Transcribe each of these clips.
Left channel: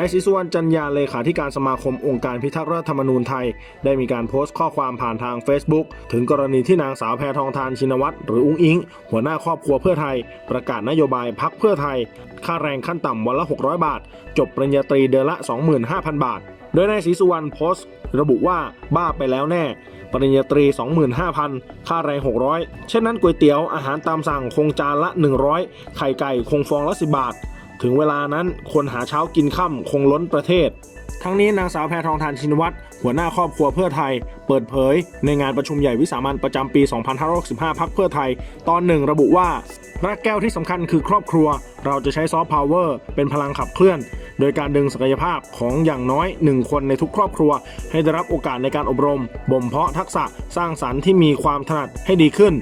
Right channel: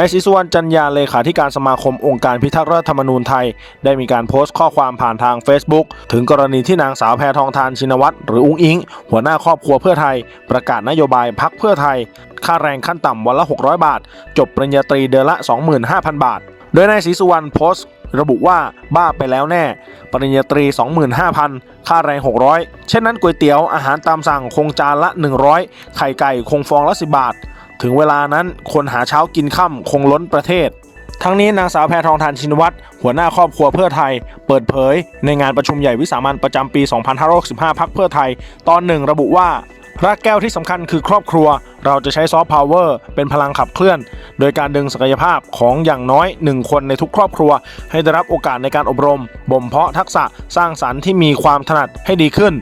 นายศรีสุวรรณจันยาเลขาธิการสมาคมองค์การพิทักษ์รัฐธรรมนูญไทย ได้มีการโพสต์ข้อความผ่านทาง Facebook ถึงกรณีที่นางสาวแพทองทานชินวัตรหรืออุ้งอิง หัวหน้าครอบครัวเพื่อไทย ประกาศนโยบายพักเพื่อไทย ค่าแรงขั้นต่ำวันละ 600 บาท จบปริญญาตรีเดือนละ 25,000 บาท โดยนายศรีสุวรรณโพสต์ระบุว่าบ้าไปแล้วแน่ ปริญญาตรี 25,000 ค่าแรง 600 เช่นนั้นก๋วยเตี๋ยวอาหารตามสั่งคงจานละ 100 ไข่ไก่คงฟองละ 10 บาท ถึงเวลานั้นคนหาเช้ากินค่ำคงล้นประเทศ ทั้งนี้นางสาวแพทองทานชินวัตรหัวหน้าครอบครัวเพื่อไทย เปิดเผย ในงานประชุมใหญ่วิสามันประจำปี 2565พักเพื่อไทย ตอนหนึ่งระบุว่า พระแก้วที่สำคัญคือครอบครัวเราจะใช้ซอฟต์พาวเวอร์เป็นพลังขับเคลื่อน โดยการดึงศักยภาพของอย่างน้อย 1 คนในทุกครอบครัว ให้ได้รับโอกาสในการอบรม บ่มเพาะทักษะสร้างสรรค์ที่มีความถนัดให้ดีขึ้น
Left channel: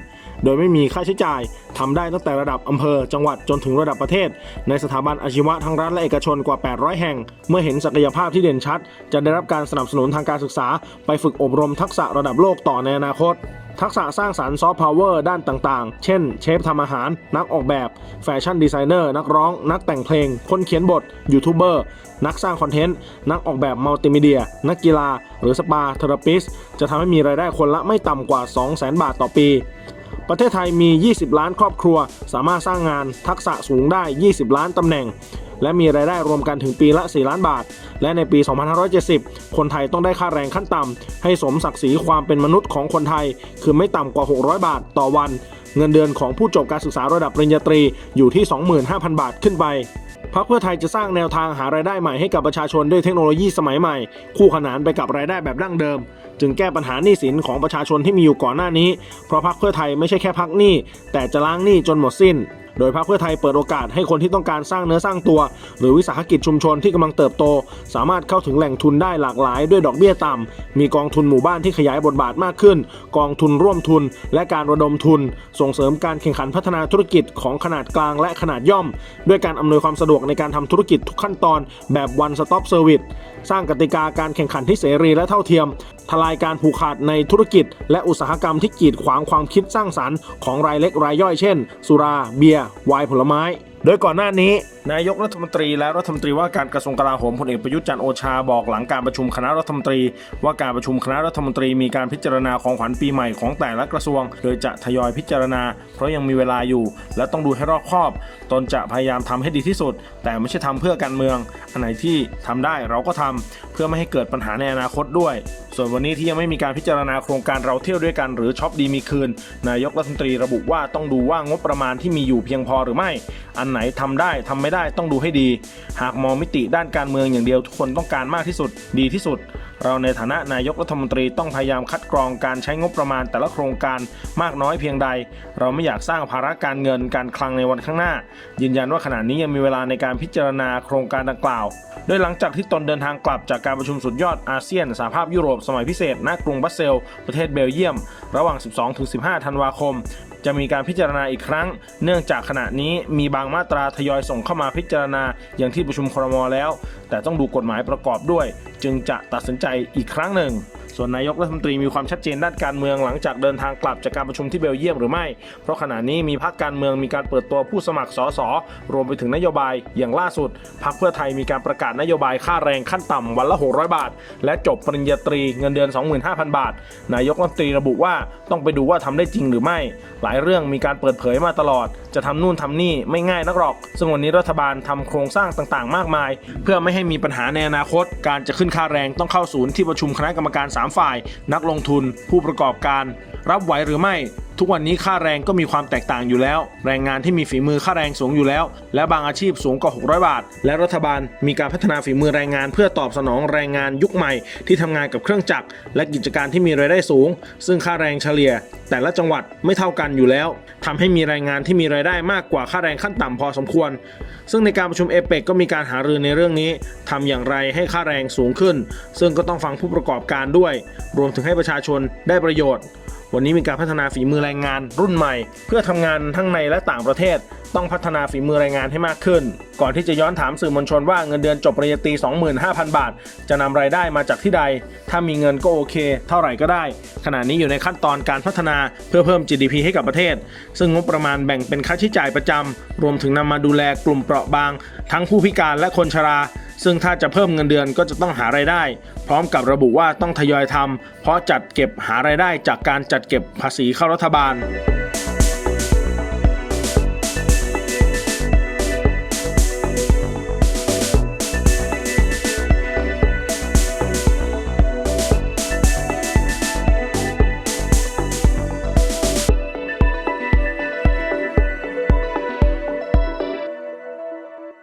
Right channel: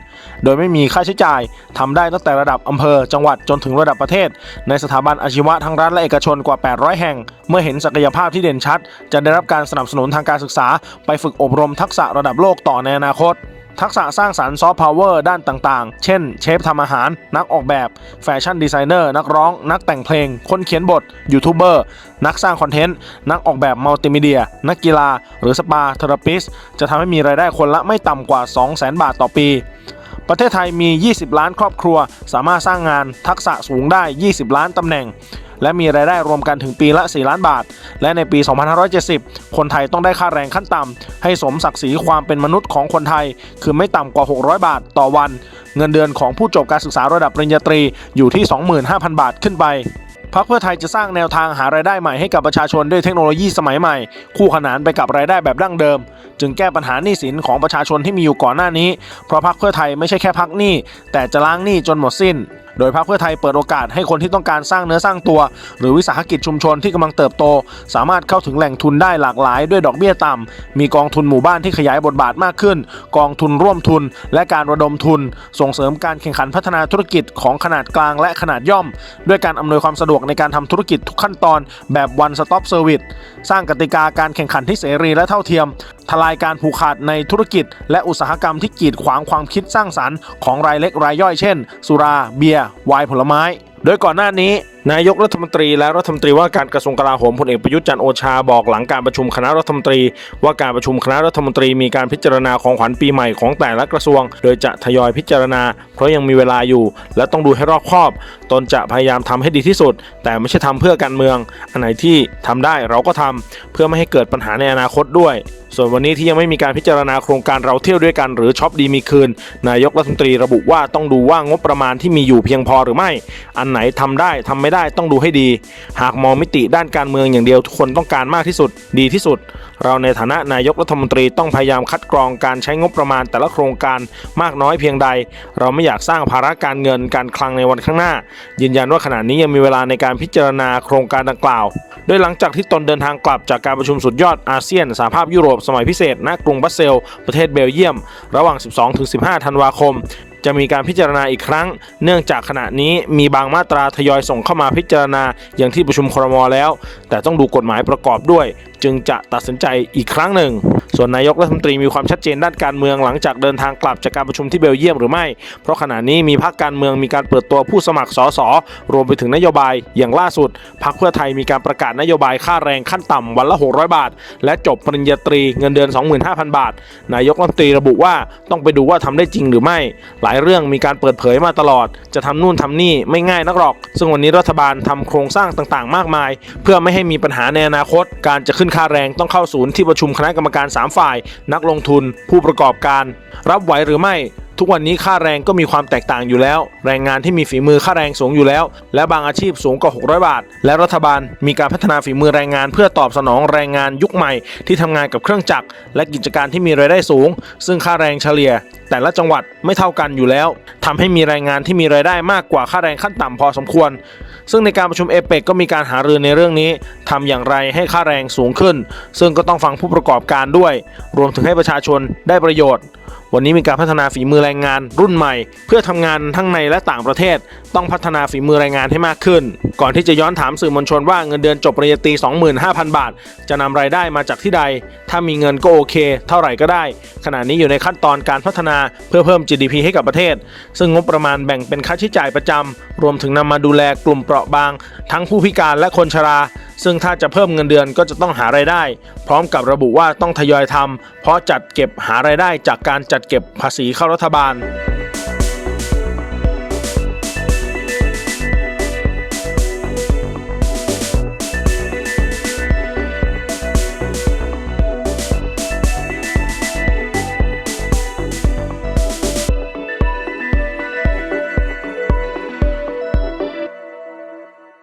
โดยไม่มีค่าใช้จ่ายทำได้ตั้งแต่ระดับอำเภอ จังหวัดจนถึงระดับประเทศ ในสถาบันอาชีวะทั้งรัฐและเอกชนกว่า 800 แห่ง เมื่อเห็นศักยภาพที่เด่นชัด จะได้รับการสนับสนุนทางการศึกษา ไปฝึกอบรมทักษะระดับโลกต่อในอนาคต ทักษะสร้างสารรค์ซอฟต์พาวเวอร์ด้านต่างๆ เช่น เชฟทำอาหาร นักออกแบบ แฟชั่นดีไซเนอร์ นักร้อง นักแต่งเพลง คนเขียนบท ยูทูบเบอร์ นักสร้างคอนเทนต์ นักออกแบบมัลติมีเดีย นักกีฬา หรือสปาเทอราปิสจะทำให้มีรายได้คนละไม่ต่ำกว่า 200,000 บาทต่อปี ประเทศไทยมี 20 ล้านครอบครัว สามารถสร้างงานทักษะสูงได้ 20 ล้านตำแหน่ง และมีรายได้รวมกันถึงปีละ 4 ล้านบาท และในปี 2570 คนไทยต้องได้ค่าแรงขั้นต่ำให้สมศักดิ์ศรีความเป็นมนุษย์ของคนไทย คือไม่ต่ำกว่า 600 บาทต่อวัน เงินเดือนของผู้จบการศึกษาระดับปริญญาตรีอยู่ที่ 25,000 บาทขึ้นไป พรรคเพื่อไทยจะสร้างแนวทางหารายได้ใหม่ให้กับประชาชนด้วยเทคโนโลยีสมัยใหม่ คู่ขนานไปกับรายได้แบบดั้งเดิม จึงแก้ปัญหาหนี้สินของประชาชนที่มีอยู่ก่อนหน้านี้ เพราะพรรคเพื่อไทยไม่ใช่แค่พักหนี้แต่จะล้างหนี้จนหมดสิ้น โดยพรรคเพื่อไทยเปิดโอกาสให้คนที่ต้องการสร้างเนื้อสร้างตัว หรือวิสาหกิจชุมชนที่กำลังเติบโต สามารถเข้าถึงแหล่งทุนได้หลากหลาย ด้วยดอกเบี้ยต่ำมีกองทุนหมู่บ้านที่ขยายบทบาทมากขึ้น กองทุนร่วมทุน และการระดมทุน ส่งเสริมการแข่งขันพัฒนาธุรกิจของขนาดกลางและขนาดย่อม ด้วยการอำนวยความสะดวกในการทำธุรกิจทุกขั้นตอนแบบ one stop service สร้างกติกาการแข่งขันที่เสรีและเท่าเทียม ทลายการผูกขาดในธุรกิจ และอุตสาหกรรมที่กีดขวางความคิดสร้างสรรค์ของรายเล็กรายย่อยเช่น สุรา เบียร์ไวน์ผลไม้ โดยก่อนหน้านี้ นายกรัฐมนตรีและรัฐมนตรีว่าการกระทรวงกลาโหมพลเอกประยุทธ์จันโอชาบอกหลังการประชุมคณะรัฐมนตรี ว่าการประชุมคณะรัฐมนตรีมีการพิจารณาของขวัญปีใหม่ของแต่ละกระทรวง โดยจะทยอยพิจารณา เพราะยังมีเวลาอยู่ และต้องดูให้รอบคอบ ตนจะพยายามทำให้ดีที่สุด แต่ไม่ใช่ทำเพื่อการเมือง อันไหนที่ทำได้เราก็ทำเพื่อไม่ให้เกิดปัญหาในอนาคตด้วย ส่วนวันนี้ที่ยังไม่มีการพิจารณาโครงการเราเที่ยวด้วยกันหรือช็อปดีมีคืน นายกรัฐมนตรีระบุว่าต้องดูว่างบประมาณที่มีอยู่เพียงพอหรือไม่ อันไหนทำได้ทำไม่ได้ต้องดูให้ดี หากมองมิติด้านการเมืองอย่างเดียวทุกคนต้องการมากที่สุด ดีที่สุดเราในฐานะนายกรัฐมนตรีต้องพยายามคัดกรองการใช้งบประมาณแต่ละโครงการมากน้อยเพียงใด เราไม่อยากสร้างภาระการเงินการคลังในวันข้างหน้า ยืนยันว่าขณะนี้ยังมีเวลาในการพิจารณาโครงการดังกล่าว โดยหลังจากที่ตนเดินทางกลับจากการประชุมสุดยอดอาเซียนสหภาพยุโรปสมัยพิเศษณกรุงบัสเซล ประเทศเบลเยียม ระหว่าง 12-15 ธันวาคมจะมีการพิจารณาอีกครั้ง เนื่องจากขณะนี้มีบางมาตราทยอยส่งเข้ามาพิจารณาอย่างที่ประชุมครมแล้ว แต่ต้องดูกฎหมายประกอบด้วยจึงจะตัดสินใจอีกครั้งหนึ่ง ส่วนนายกรัฐมนตรีมีความชัดเจนด้านการเมืองหลังจากเดินทางกลับจากการประชุมที่เบลเยียมหรือไม่ เพราะขณะนี้มีพรรคการเมืองมีการเปิดตัวผู้สมัครสสรวมไปถึงนโยบายอย่างล่าสุดพรรคเพื่อไทยมีการประกาศนโยบายค่าแรงขั้นต่ำวันละ 600 บาท และจบปริญญาตรีเงินเดือน 25,000 บาท นายกรัฐมนตรีระบุว่าต้องไปดูว่าทำได้จริงหรือไม่ หลายเรื่องมีการเปิดเผยมาตลอด จะทำนู่นทำนี่ไม่ง่ายนักหรอก ซึ่งวันนี้รัฐบาลทำโครงสร้างต่างๆ มากมาย เพื่อไม่ให้มีปัญหาในอนาคตการจะขึ้นค่าแรงต้องเข้าศูนย์ที่ประชุมคณะกรรมการ 3 ฝ่าย นักลงทุน ผู้ประกอบการ รับไหวหรือไม่ ทุกวันนี้ค่าแรงก็มีความแตกต่างอยู่แล้ว แรงงานที่มีฝีมือค่าแรงสูงอยู่แล้ว และบางอาชีพสูงกว่า 600 บาท และรัฐบาลมีการพัฒนาฝีมือแรงงาน เพื่อตอบสนองแรงงานยุคใหม่ ที่ทำงานกับเครื่องจักรและกิจการที่มีรายได้สูง ซึ่งค่าแรงเฉลี่ย แต่ละจังหวัดไม่เท่ากันอยู่แล้วทำให้มีแรงงานที่มีรายได้มากกว่าค่าแรงขั้นต่ำพอสมควร ซึ่งในการประชุมเอเปกก็มีการหารือในเรื่องนี้ทำอย่างไรให้ค่าแรงสูงขึ้น ซึ่งก็ต้องฟังผู้ประกอบการด้วย รวมถึงให้ประชาชนได้ประโยชน์ วันนี้มีการพัฒนาฝีมือแรงงานรุ่นใหม่ เพื่อทำงานทั้งในและต่างประเทศ ต้องพัฒนาฝีมือแรงงานให้มากขึ้น ก่อนที่จะย้อนถามสื่อมวลชนว่าเงินเดือนจบปริญญาตรี 25,000 บาท จะนำรายได้มาจากที่ใด ถ้ามีเงินก็โอเค เท่าไหร่ก็ได้ ขณะนี้อยู่ในขั้นตอนการพัฒนาเพื่อเพิ่ม GDP ให้กับประเทศ ซึ่งงบประมาณแบ่งเป็นค่าใช้จ่ายประจำรวมถึงนำมาดูแลกลุ่มเปราะบาง ทั้งผู้พิการและคนชรา ซึ่งถ้าจะเพิ่มเงินเดือนก็จะต้องหารายได้ พร้อมกับระบุว่าต้องทยอยทำเพราะจัดเก็บหารายได้จากการจัดเก็บภาษีเข้ารัฐบาล